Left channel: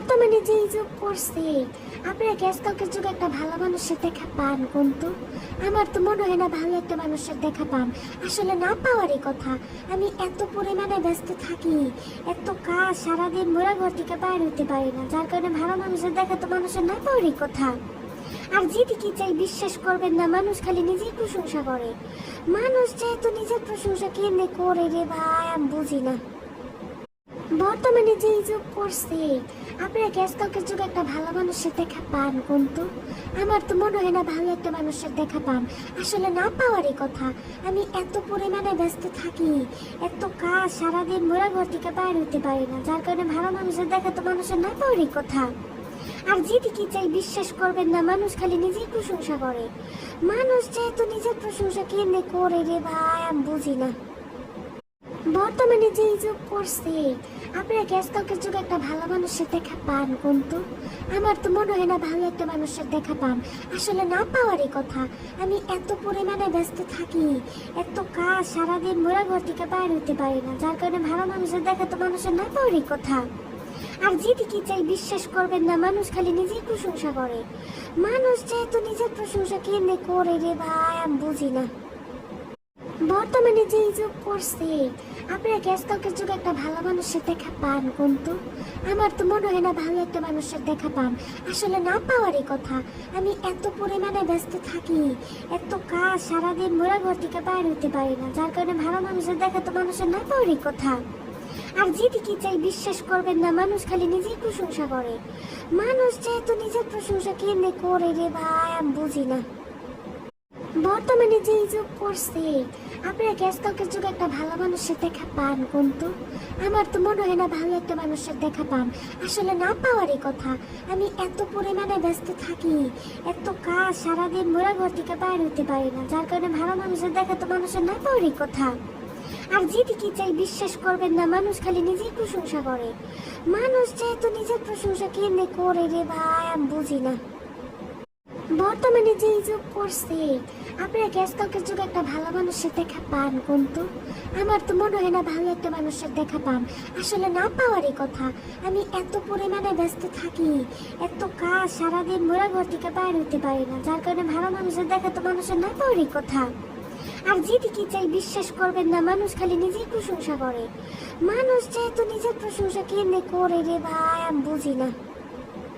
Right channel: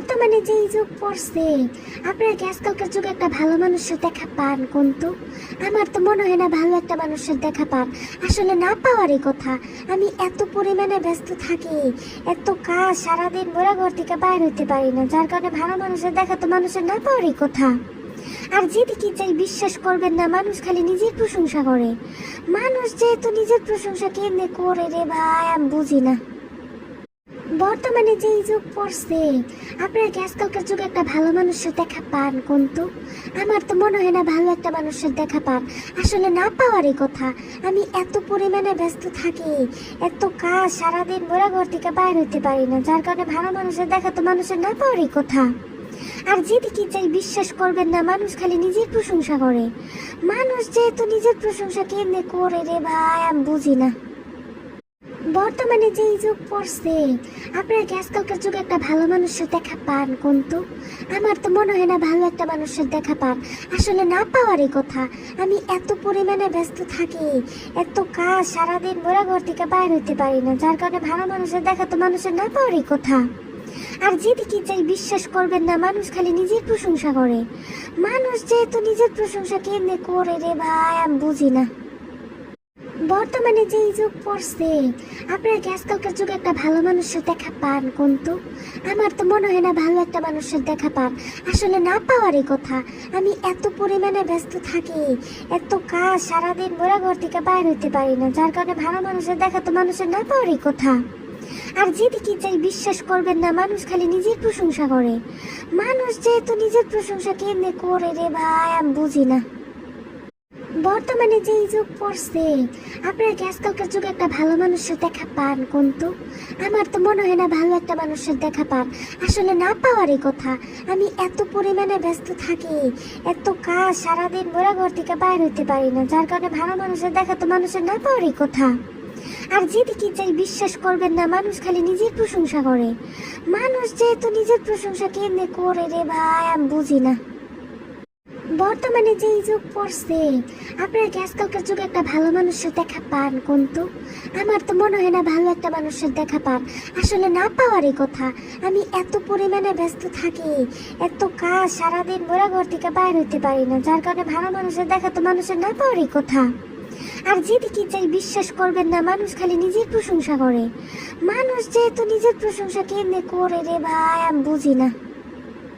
বর্তমানে যে যুগ পড়ছে, আপনারা কি আজকালকার যুগে একটা ভালো মানুষের দেখা পান? কিন্তু আমার তো মনে হয় না ভালো একটা মানুষের দেখা পান। আসলে না পাওয়ারই কথা। আমি এত পরিমাণে ব্যস্ত থাকি, এত কাজ, সারাদিন মোরা ঘর থেকে বাইর হতে পারি না, যার কারণে ভালো মানুষের দেখা তো মানুষের না পাওয়ারই কথা। আর যেদিকে চাই বিশ্বাস করবেন না, মানুষ খালি নিজের প্রশংসা করে। মানুষ যেহেতু নিজের প্রশংসা কেমনে করে রে ভাই, আমি বুঝি না। বর্তমানে যে যুগ পড়ছে, আপনারা কি আজকালকার যুগে একটা ভালো মানুষের দেখা পান? কিন্তু আমার তো মনে হয় না ভালো একটা মানুষের দেখা পান। আসলে না পাওয়ারই কথা। আমি এত পরিমাণে ব্যস্ত থাকি, এত কাজ, সারাদিন মোরা ঘর থেকে বাইর হতে পারি না, যার কারণে ভালো মানুষের দেখা তো মানুষের না পাওয়ারই কথা। আর যেদিকে চাই বিশ্বাস করবেন না, মানুষ খালি নিজের প্রশংসা করে। মানুষ যেহেতু নিজের প্রশংসা কেমনে করে রে ভাই, আমি বুঝি না। বর্তমানে যে যুগ পড়ছে, আপনারা কি আজকালকার যুগে একটা ভালো মানুষের দেখা পান? কিন্তু আমার তো মনে হয় না ভালো একটা মানুষের দেখা পান। আসলে না পাওয়ারই কথা। আমি এত পরিমাণে ব্যস্ত থাকি, এত কাজ, সারাদিন মোরা ঘর থেকে বাইর হতে পারি না, যার কারণে ভালো মানুষের দেখা তো মানুষের না পাওয়ারই কথা। আর যেদিকে চাই বিশ্বাস করবেন না, মানুষ খালি নিজের প্রশংসা করে। মানুষ যেহেতু নিজের প্রশংসা কেমনে করে রে ভাই, আমি বুঝি না। বর্তমানে যে যুগ পড়ছে, আপনারা কি আজকালকার যুগে একটা ভালো মানুষের দেখা পান? কিন্তু আমার তো মনে হয় না ভালো একটা মানুষের দেখা পান। আসলে না পাওয়ারই কথা। আমি এত পরিমাণে ব্যস্ত থাকি, এত কাজ, সারাদিন মোরা ঘর থেকে বাইর হতে পারি না, যার কারণে ভালো মানুষের দেখা তো মানুষের না পাওয়ারই কথা। আর যেদিকে চাই বিশ্বাস করবেন না, মানুষ খালি নিজের প্রশংসা করে। মানুষ যেহেতু নিজের প্রশংসা কেমনে করে রে ভাই, আমি বুঝি না। বর্তমানে যে যুগ পড়ছে, আপনারা কি আজকালকার যুগে একটা ভালো মানুষের দেখা পান? কিন্তু আমার তো মনে হয় না ভালো একটা মানুষের দেখা পান। আসলে না পাওয়ারই কথা। আমি এত পরিমাণে ব্যস্ত থাকি, এত কাজ, সারাদিন মোরা ঘর থেকে বাইর হতে পারি না, যার কারণে ভালো মানুষের দেখা তো মানুষের না পাওয়ারই কথা। আর যেদিকে চাই বিশ্বাস করবেন না, মানুষ খালি নিজের প্রশংসা করে। মানুষ যেহেতু নিজের প্রশংসা কেমনে করে রে ভাই, আমি বুঝি না। বর্তমানে যে যুগ পড়ছে, আপনারা কি আজকালকার যুগে একটা ভালো মানুষের দেখা পান? কিন্তু আমার তো মনে হয় না ভালো একটা মানুষের দেখা পান। আসলে না পাওয়ারই কথা। আমি এত পরিমাণে ব্যস্ত থাকি, এত কাজ, সারাদিন মোরা ঘর থেকে বাইর হতে পারি না, যার কারণে ভালো মানুষের দেখা তো মানুষের না পাওয়ারই কথা। আর যেদিকে চাই বিশ্বাস করবেন না, মানুষ খালি নিজের প্রশংসা করে। মানুষ যেহেতু নিজের প্রশংসা কেমনে করে রে ভাই, আমি বুঝি না।